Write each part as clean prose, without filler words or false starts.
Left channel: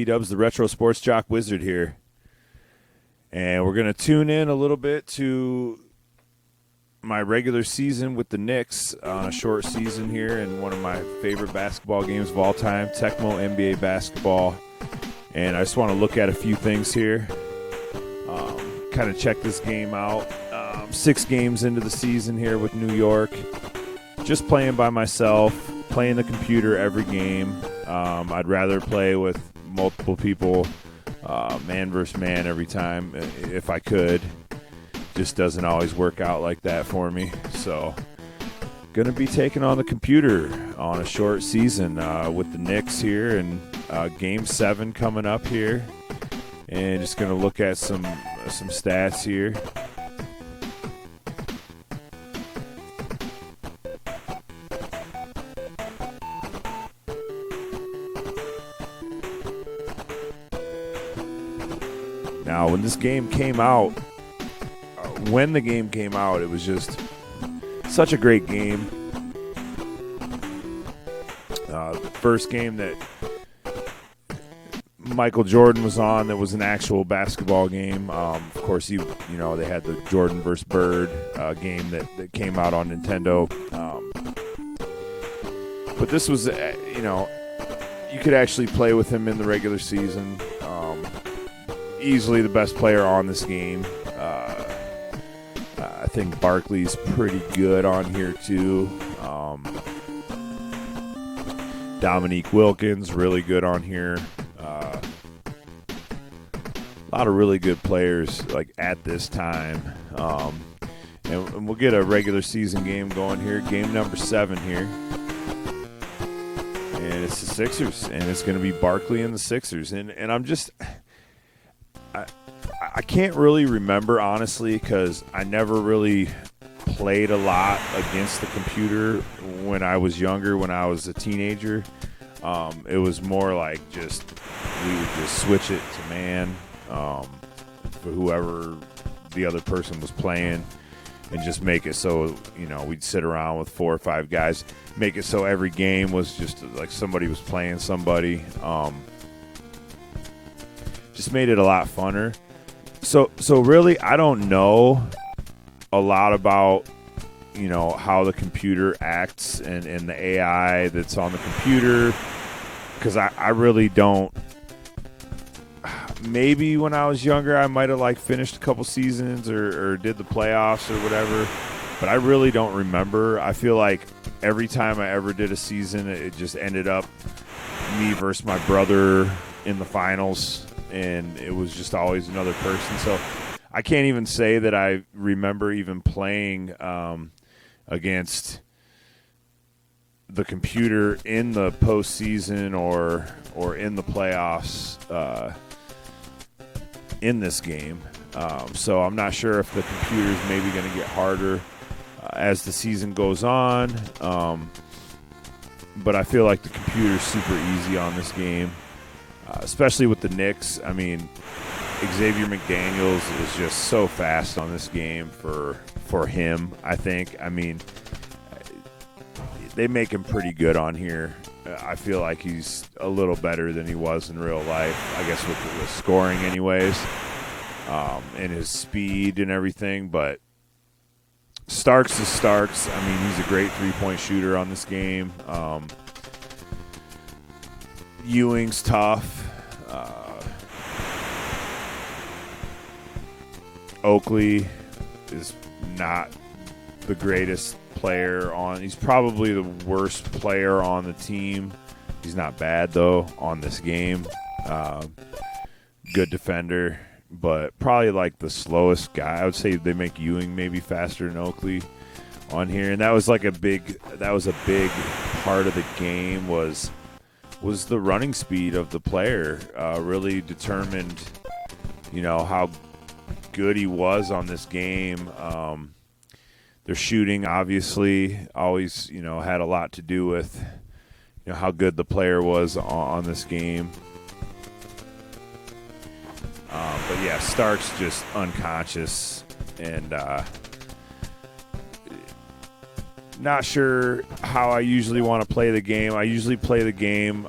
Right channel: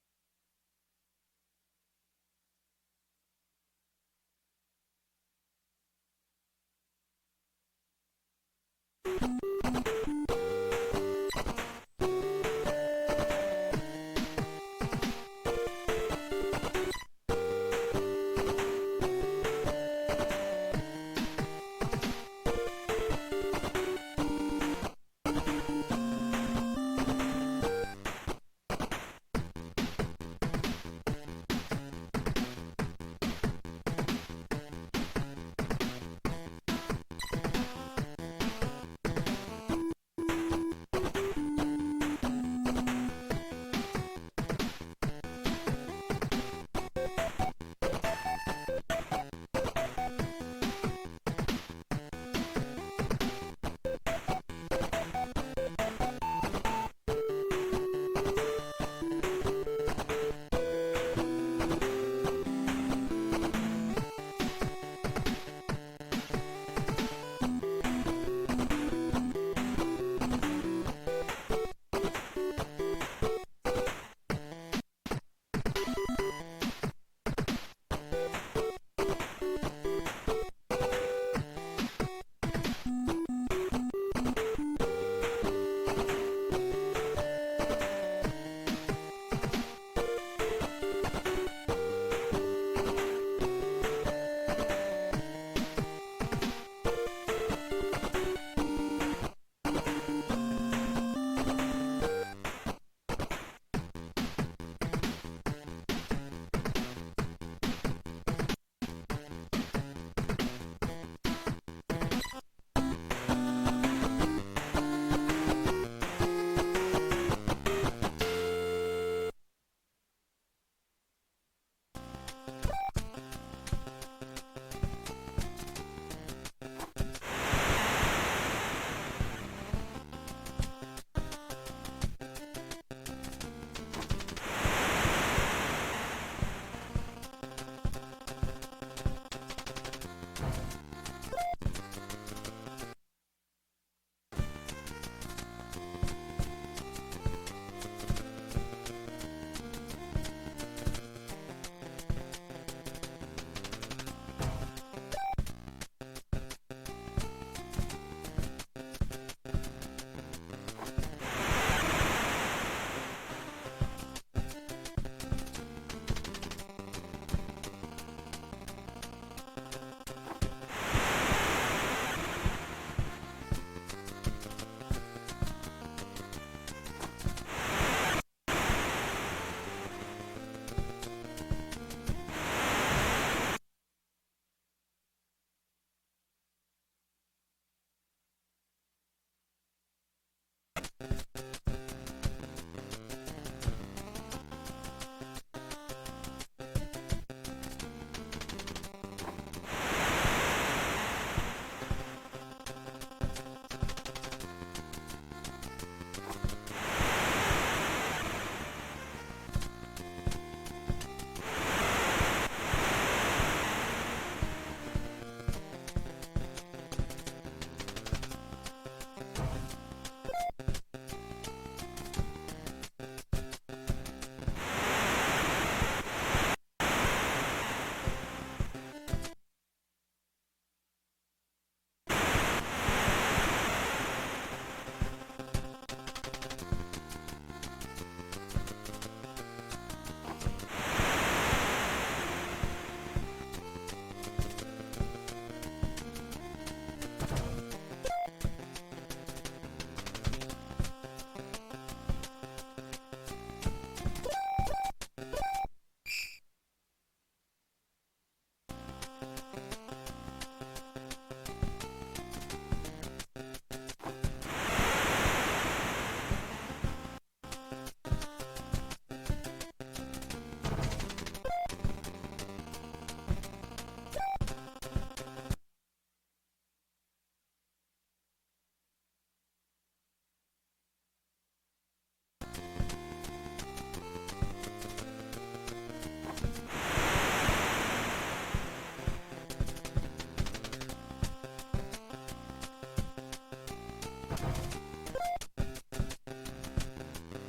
P-Dubs, the Retro Sports Jock Wizard here. And we're going to tune in a little bit to my regular season with the Knicks on a short season here and one of my favorite basketball games of all time, Tecmo NBA basketball. And I just want to look at a few things here, kind of check this game out. 6 games into the season here with New York, just playing by myself, playing the computer every game. I'd rather play with multiple people, man versus man every time if I could. Just doesn't always work out like that for me. So gonna be taking on the computer on a short season with the Knicks here, and game 7 coming up here, and just gonna look at some stats here. Now when the game came out, it was just such a great game. The first game that Michael Jordan was on, that was an actual basketball game. Of course, they had the Jordan versus Bird game that came out on Nintendo. But this was, you could actually play with him in the regular season. Easily the best player on this game. I think Barkley's pretty good on here too. Dominique Wilkins, really good on here. A lot of really good players at this time. And we'll get a regular season game going here. Game number 7 here. And it's the Sixers. And it's going to be Barkley and the Sixers. And I'm just... I can't really remember, honestly, because I never really played a lot against the computer when I was younger, when I was a teenager. It was more like we would just switch it to man for whoever the other person was playing, and just make it so, we'd sit around with 4 or 5 guys, make it so every game was just like somebody was playing somebody. Just made it a lot funner. So really, I don't know a lot about, how the computer acts and the AI that's on the computer, because I really don't. Maybe when I was younger, I might have finished a couple seasons or did the playoffs or whatever, but I really don't remember. I feel like every time I ever did a season, it just ended up me versus my brother in the finals, and it was just always another person. So I can't even say that I remember even playing against the computer in the postseason or in the playoffs in this game. So I'm not sure if the computer is maybe going to get harder as the season goes on. But I feel like the computer is super easy on this game. Especially with the Knicks. I mean, Xavier McDaniels was just so fast on this game for him, I think. I mean, they make him pretty good on here. I feel like he's a little better than he was in real life, I guess, with the scoring anyways, and his speed and everything. But Starks is Starks. I mean, he's a great three-point shooter on this game. Ewing's tough. Oakley is not the greatest player on. He's probably the worst player on the team. He's not bad, though, on this game. Good defender, but probably the slowest guy. I would say they make Ewing maybe faster than Oakley on here. And that was a big part of the game was the running speed of the player. Really determined, how good he was on this game. Their shooting, obviously, always, had a lot to do with, how good the player was on this game. But yeah, Stark's just unconscious, and not sure how I usually want to play the game. I usually play the game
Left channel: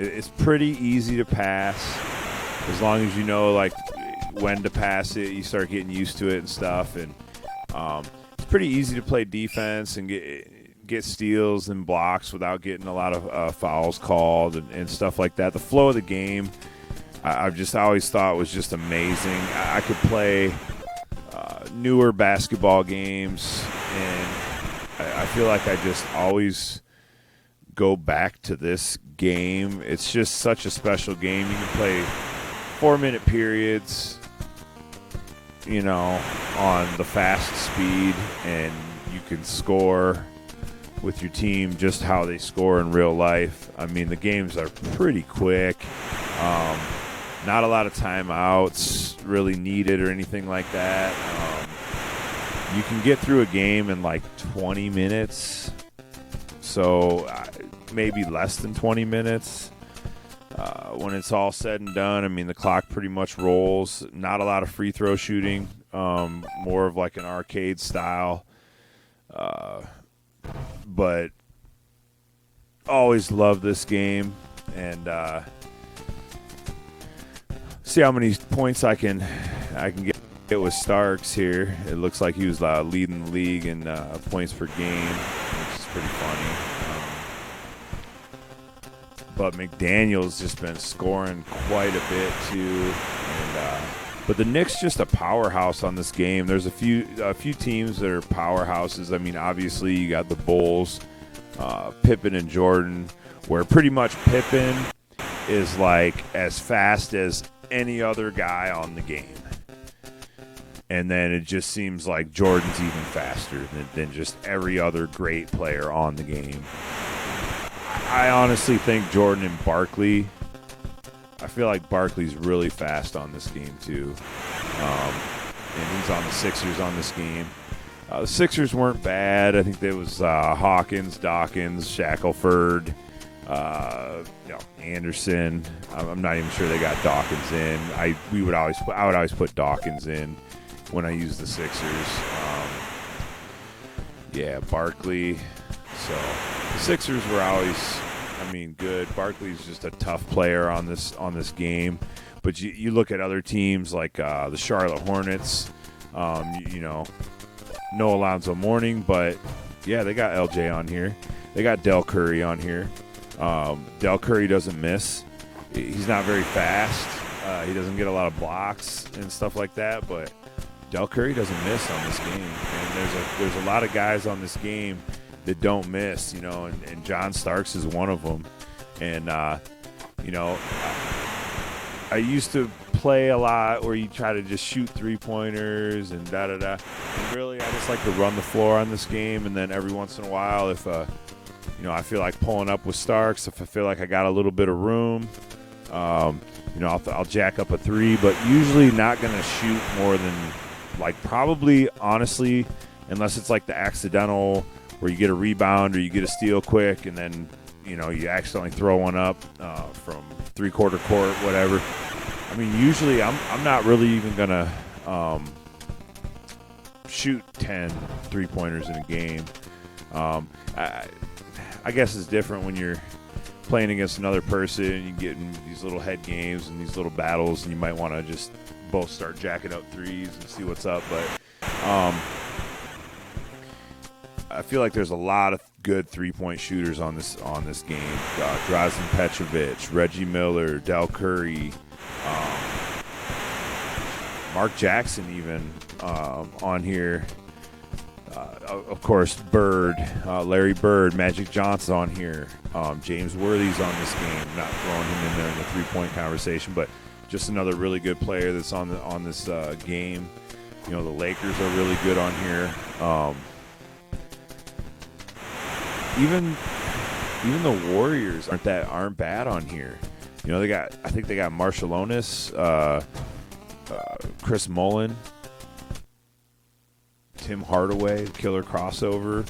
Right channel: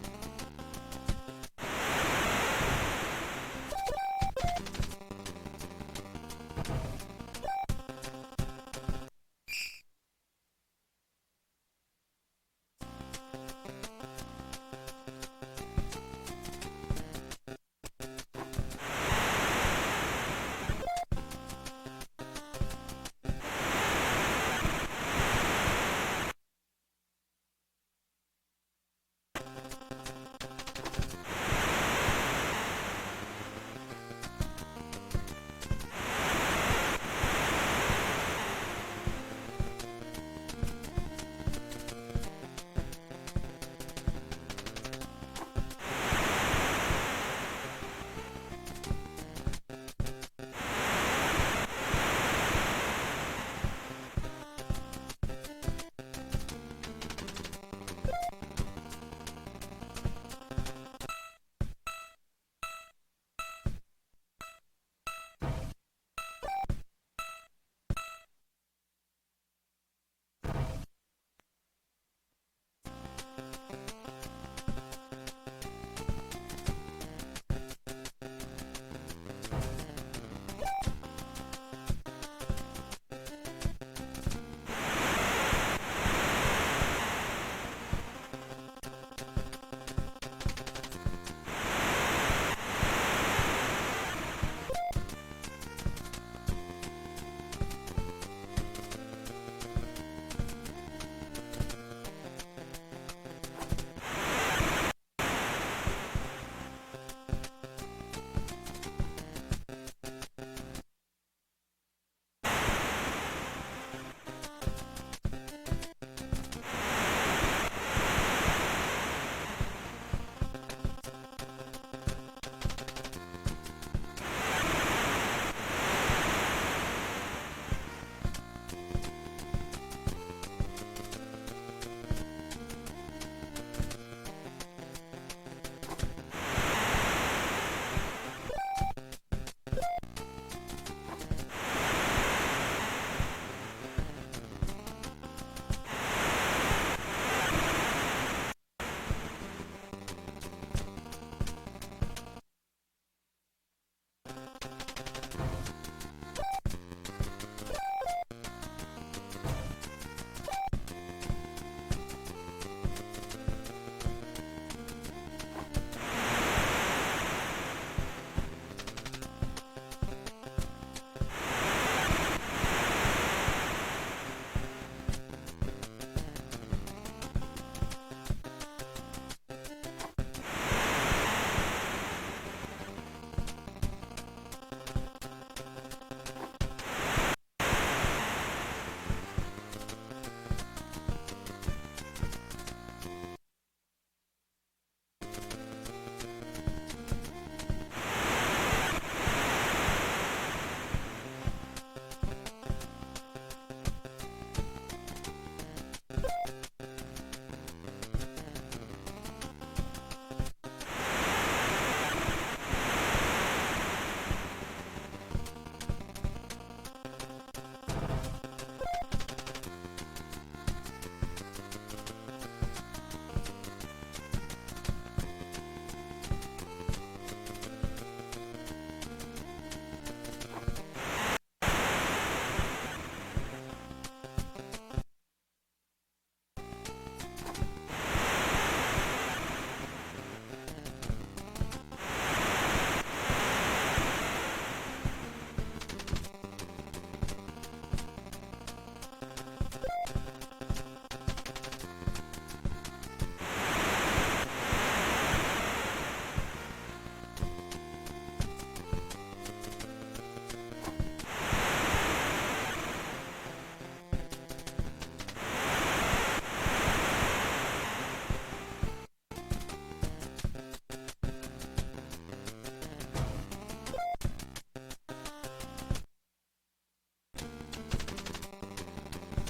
It's pretty easy to pass as long as you know like when to pass it. You start getting used to it and stuff, and it's pretty easy to play defense and get steals and blocks without getting a lot of fouls called and stuff like that. The flow of the game, I've just always thought was just amazing. I could play newer basketball games, and I feel like I just always go back to this game. It's just such a special game. You can play 4-minute periods, you know, on the fastest speed, and you can score with your team just how they score in real life. I mean, the games are pretty quick. Not a lot of timeouts really needed or anything like that. You can get through a game in like 20 minutes, so maybe less than 20 minutes. When it's all said and done, I mean, the clock pretty much rolls. Not a lot of free throw shooting, more of like an arcade style. But always loved this game, and see how many points I can get with Starks here. It looks like he was leading the league in points per game. It's pretty funny. But McDaniel's just been scoring quite a bit too. But the Knicks just a powerhouse on this game. There's a few teams that are powerhouses. I mean, obviously you got the Bulls, Pippen and Jordan, where pretty much Pippen is like as fast as any other guy on the game. And then it just seems like Jordan's even faster than just every other great player on the game. I honestly think Jordan and Barkley, I feel like Barkley's really fast on this team too. He's on the Sixers on this game. The Sixers weren't bad. I think there was Hawkins, Dawkins, Shackelford, Anderson. I'm not even sure they got Dawkins in. I would always put Dawkins in when I use the Sixers. Barkley. So Sixers were always, good. Barkley's just a tough player on this game. But you look at other teams like the Charlotte Hornets. No Alonzo Mourning, but they got LJ on here. They got Del Curry on here. Del Curry doesn't miss. He's not very fast. He doesn't get a lot of blocks and stuff like that, but Del Curry doesn't miss on this game. There's a lot of guys on this game that don't miss, and John Starks is one of them. And, I used to play a lot where you try to just shoot three-pointers and da-da-da. Really, I just like to run the floor on this game, and then every once in a while, if, I feel like pulling up with Starks, if I feel like I got a little bit of room, I'll jack up a three, but usually not going to shoot more than, probably, honestly, unless it's like the accidental where you get a rebound or you get a steal quick and then, you accidentally throw one up from three-quarter court, whatever. Usually I'm not really even going to shoot 10 three-pointers in a game. I guess it's different when you're playing against another person and you get in these little head games and these little battles, and you might want to just both start jacking up threes and see what's up. But I feel like there's a lot of good three-point shooters on this game. Drazen Petrovic, Reggie Miller, Del Curry, Mark Jackson even on here. Of course, Bird, Larry Bird, Magic Johnson on here. James Worthy's on this game. Not throwing him in the three-point conversation, but just another really good player that's on this game. The Lakers are really good on here. Even the Warriors aren't bad on here. I think they got Marshallonis, Chris Mullin, Tim Hardaway, killer crossover.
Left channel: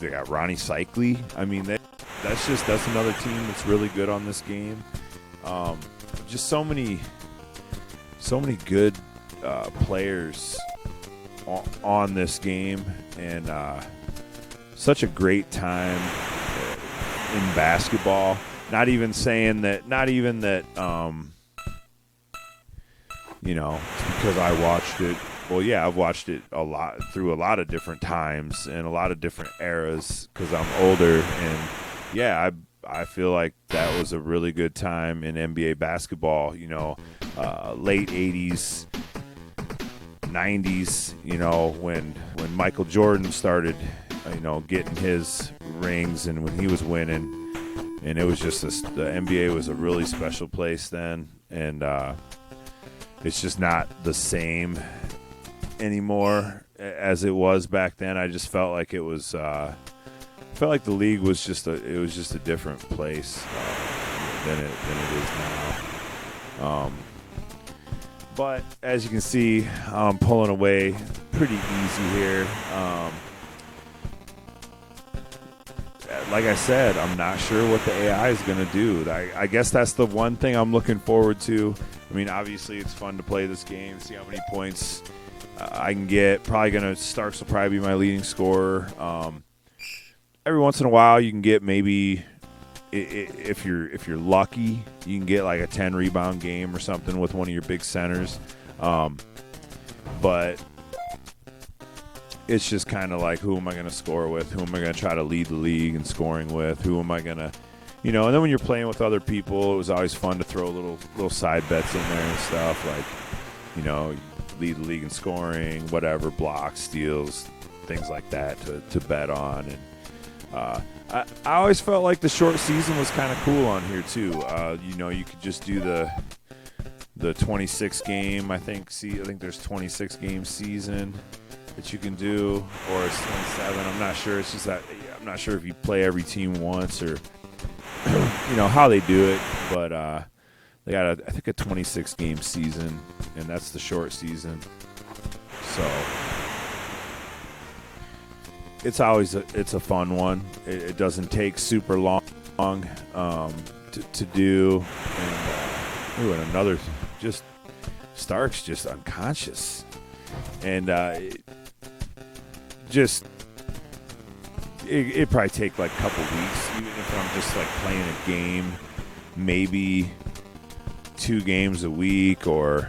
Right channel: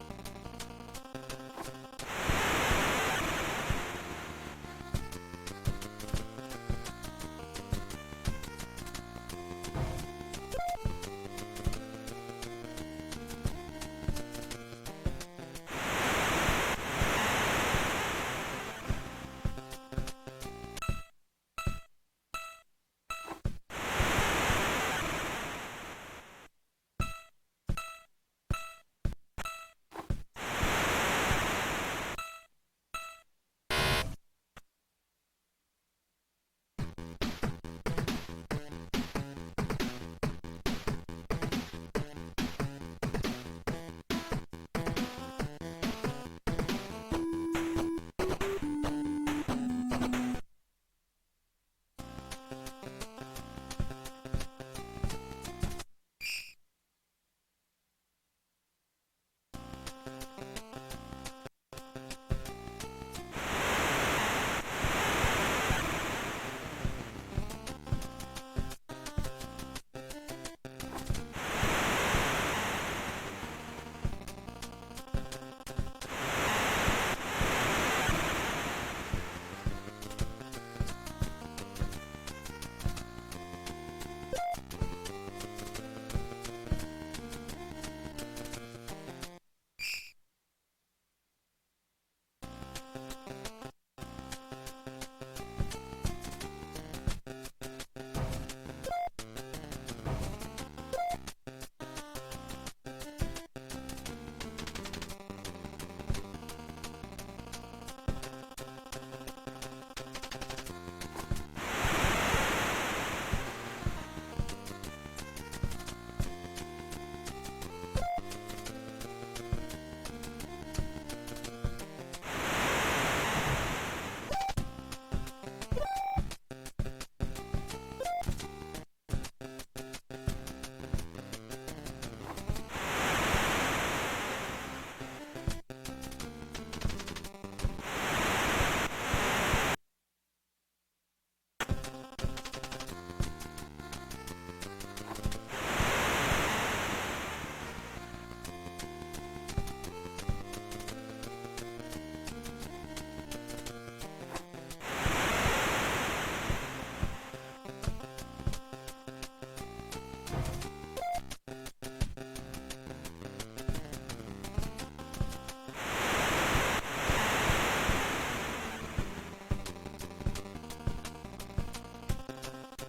They got Ronnie Cycli. That's another team that's really good on this game. Just so many good players on this game, and such a great time in basketball. not even saying that, because I watched it. Well, yeah, I've watched it a lot through a lot of different times and a lot of different eras because I'm older. And yeah, I feel like that was a really good time in NBA basketball. Late '80s, '90s. When Michael Jordan started, getting his rings and when he was winning, and it was just the NBA was a really special place then, and it's just not the same anymore as it was back then. I just felt like it was felt like the league was just a different place than it is now. But as you can see, I'm pulling away pretty easy here. Like I said, I'm not sure what the AI is going to do. I guess that's the one thing I'm looking forward to. I mean, obviously, it's fun to play this game, see how many points I can get. Probably going to Starks will probably be my leading scorer. Every once in a while, you can get maybe, if you're lucky, you can get like a 10 rebound game or something with one of your big centers. But it's just kind of like, who am I going to score with? Who am I going to try to lead the league in scoring with? Who am I going to, and then when you're playing with other people, it was always fun to throw little side bets in there and stuff, like, lead the league in scoring, whatever, blocks, steals, things like that to bet on. And I always felt like the short season was kind of cool on here too. You could just do the 26 game. I think there's 26 game season that you can do, or it's 27. I'm not sure. It's just that I'm not sure if you play every team once or how they do it, but they got I think a 26 game season, and that's the short season. So it's always a fun one. It doesn't take super long to do. Ooh, and another Starks just unconscious, and it probably take like a couple weeks if I'm just like playing a game, maybe 2 games a week, or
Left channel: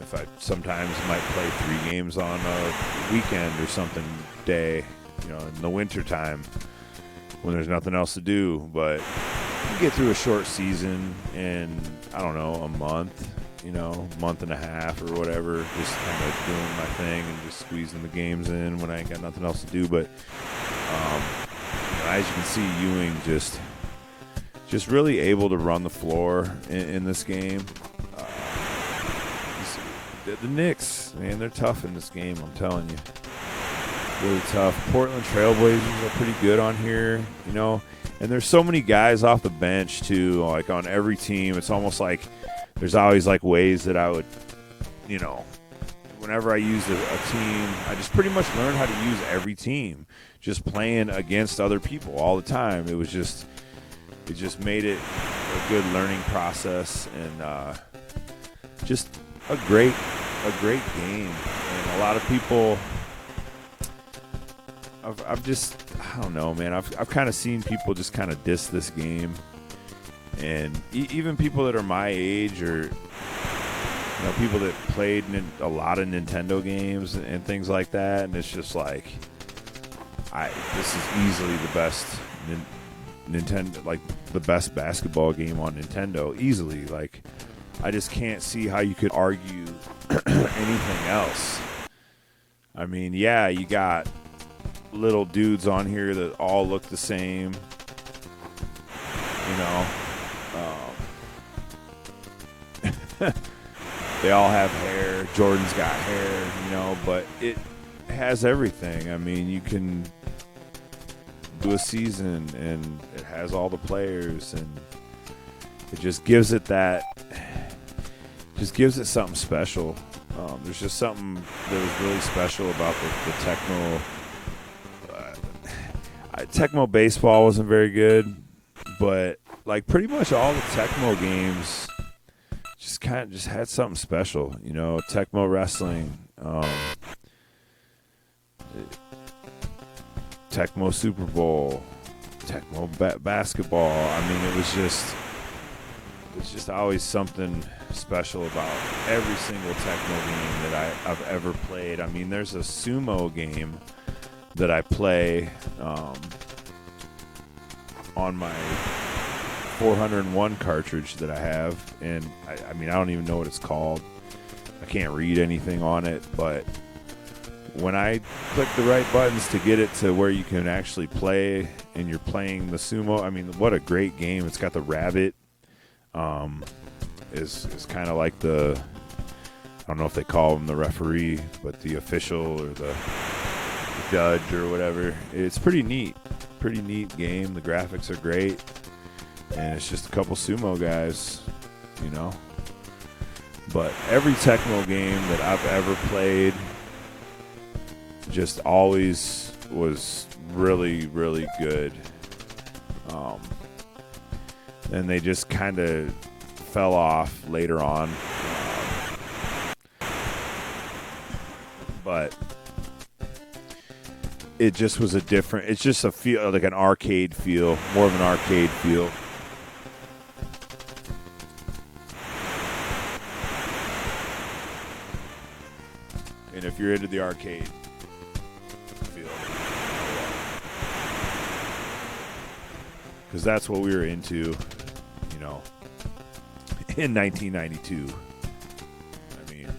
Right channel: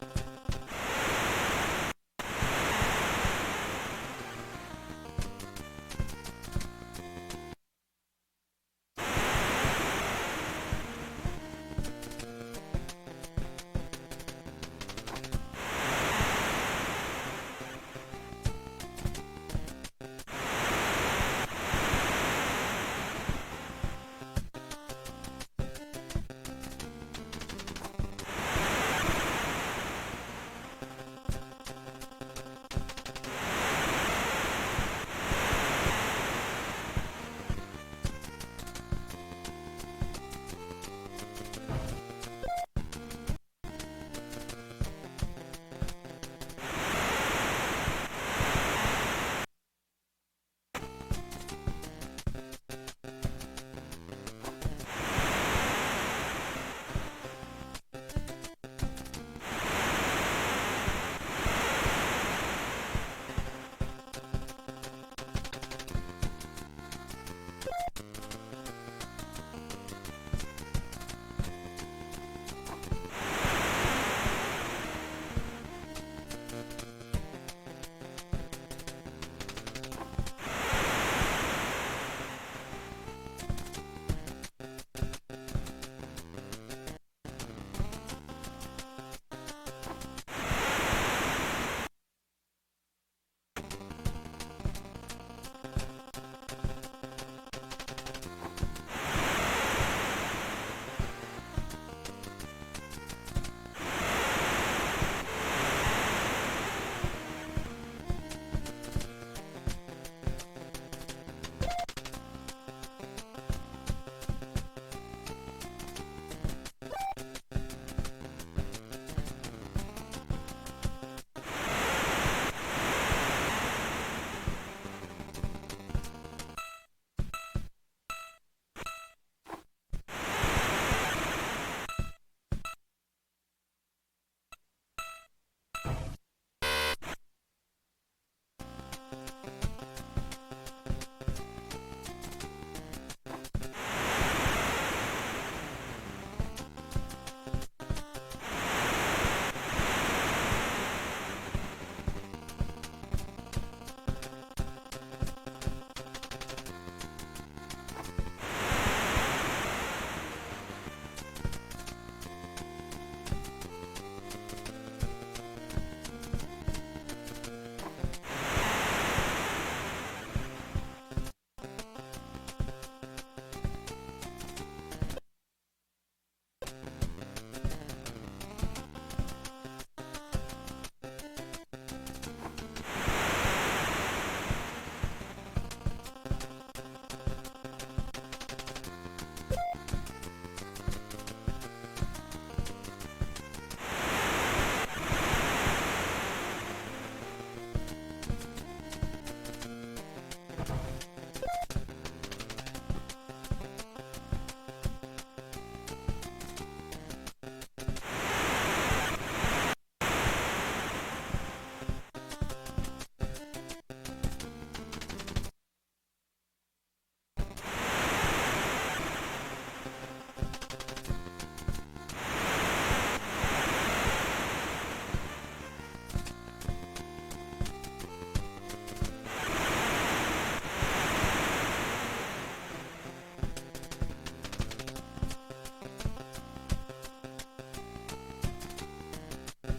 if I sometimes might play 3 games on a weekend or something day, in the winter time when there's nothing else to do. But you get through a short season in, I don't know, a month, month and a half or whatever, just doing my thing and just squeezing the games in when I ain't got nothing else to do. But as you can see, Ewing just really able to run the floor in this game. The Knicks, man, they're tough in this game, I'm telling you. Really tough. Portland Trailblazers are pretty good on here, and there's so many guys off the bench too, like on every team. It's almost like there's always like ways that I would, whenever I use a team, I just pretty much learned how to use every team, just playing against other people all the time. It just made it a good learning process, and just a great game. And a lot of people, I don't know, man. I've kind of seen people just kind of diss this game, and even people that are my age or people that played a lot of Nintendo games and things like that, and it's just like, this is easily the best Nintendo, like the best basketball game on Nintendo, easily. Like, I just can't see how you could argue anything else. I mean, yeah, you got little dudes on here that all look the same, they all have hair. Jordan's got hair, but it has everything. I mean, you can do a season and it has all the players, and it just gives it something special. There's just something that was really special about the Tecmo. Tecmo baseball wasn't very good, but like pretty much all the Tecmo games just had something special. Tecmo wrestling, Tecmo Super Bowl, Tecmo basketball. I mean, it's just always something special about every single Tecmo game that I've ever played. I mean, there's a sumo game that I play on my 401 cartridge that I have, and I mean, I don't even know what it's called. I can't read anything on it, but when I click the right buttons to get it to where you can actually play and you're playing the sumo, I mean, what a great game. It's got the rabbit. Is kind of like the, I don't know if they call him the referee, but the official or the judge or whatever. It's pretty neat game. The graphics are great, and it's just a couple sumo guys, you know. But every Tecmo game that I've ever played just always was really, really good. And they just kind of fell off later on. But it just was it's just a feel, like an arcade feel, more of an arcade feel. And if you're into the arcade feel, because that's what we were into, in 1992. I mean,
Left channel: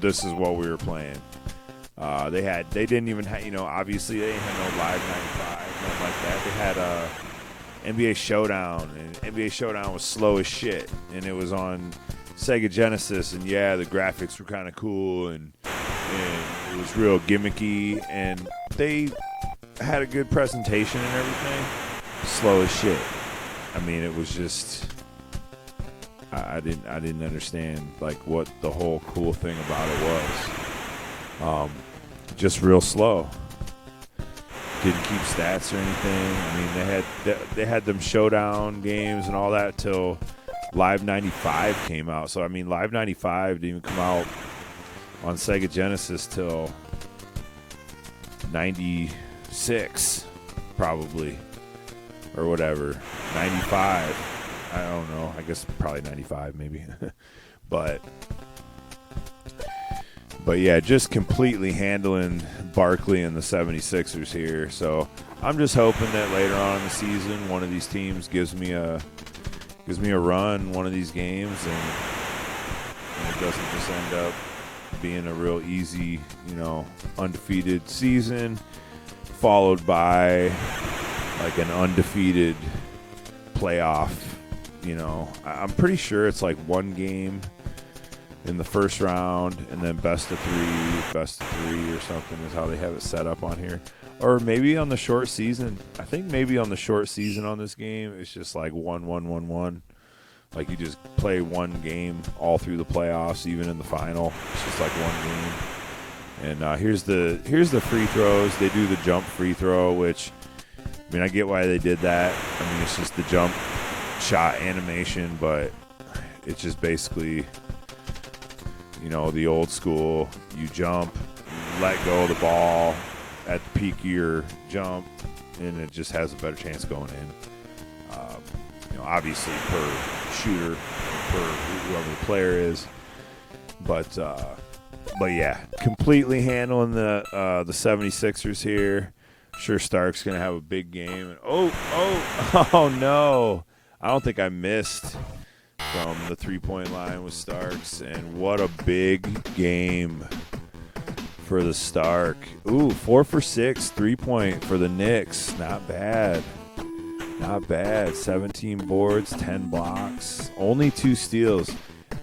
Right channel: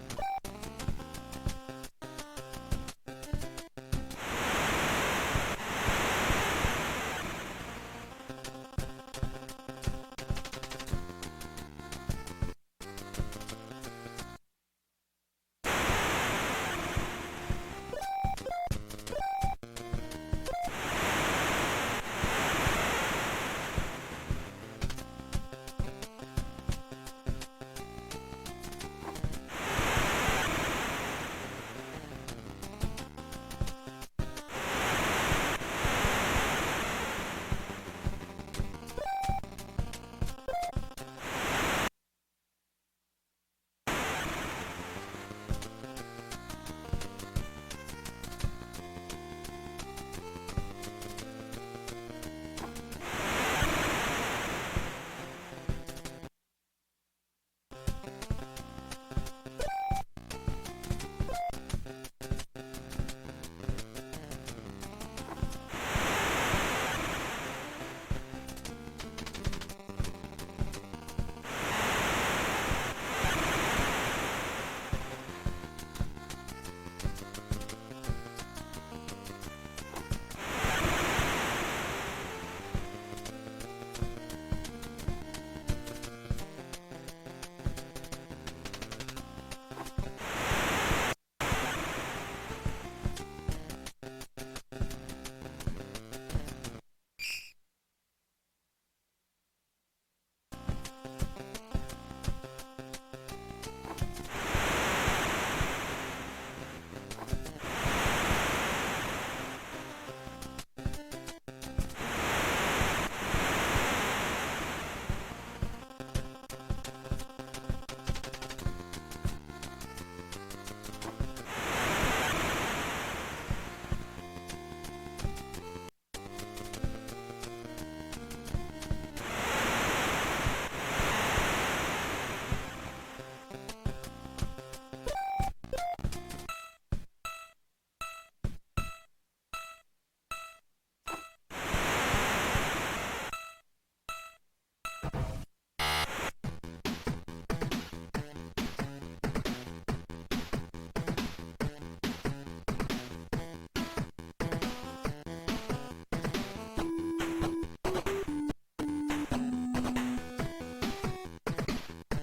this is what we were playing. They didn't even have, obviously they didn't have no live. They had NBA Showdown, and NBA Showdown was slow as shit, and it was on Sega Genesis, and yeah, the graphics were kind of cool, and it was real gimmicky, and they had a good presentation and everything. Slow as shit. I mean, it was just, I didn't understand like what the whole cool thing about it was. Just real slow. Didn't keep stats or anything. I mean, they had them showdown games and all that till Live 95 came out. So I mean, Live 95 didn't even come out on Sega Genesis till 96, probably. Or whatever, 95. I don't know. I guess probably 95, maybe. But yeah, just completely handling Barkley and the 76ers here. So I'm just hoping that later on in the season, one of these teams gives me a run, one of these games, and it doesn't just end up being a real easy, undefeated season, followed by like an undefeated playoff. I'm pretty sure it's like one game in the first round and then best of three or something is how they have it set up on here. Or maybe on the short season. I think maybe on the short season on this game it's just like 1-1-1-1. Like you just play one game all through the playoffs, even in the final. It's just like one game. And here's the free throws. They do the jump free throw, which, I mean, I get why they did that. I mean, it's just the jump shot animation, but it's just basically, the old school. You jump, let go of the ball at the peak of your jump, and it just has a better chance going in. Obviously, per shooter, per whoever the player is. But yeah, completely handling the 76ers here. Sure, Stark's going to have a big game. And oh, no. I don't think I missed from the three-point line with Starks. And what a big game for the Stark. 4 for 6, 3-point for the Knicks. Not bad. 17 boards, 10 blocks. Only 2 steals.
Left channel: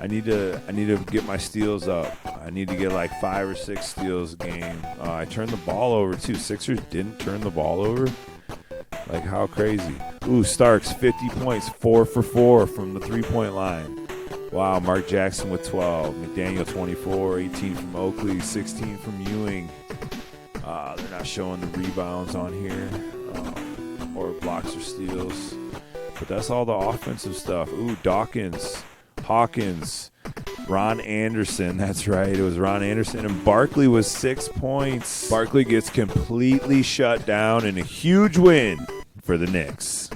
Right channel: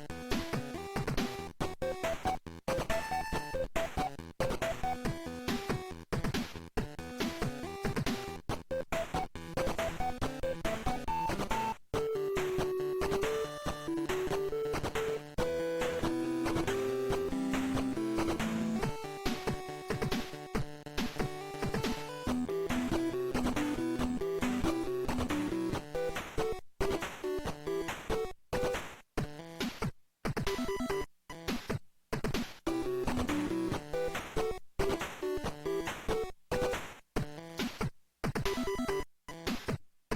I need to get my steals up. I need to get like 5 or 6 steals a game. I turned the ball over too. Sixers didn't turn the ball over. Like, how crazy. Starks, 50 points, 4 for 4 from the 3-point line. Wow, Mark Jackson with 12. McDaniel 24, 18 from Oakley, 16 from Ewing. They're not showing the rebounds on here. Or blocks or steals. But that's all the offensive stuff. Dawkins, Hawkins, Ron Anderson, that's right. It was Ron Anderson. And Barkley was 6 points. Barkley gets completely shut down in a huge win for the Knicks.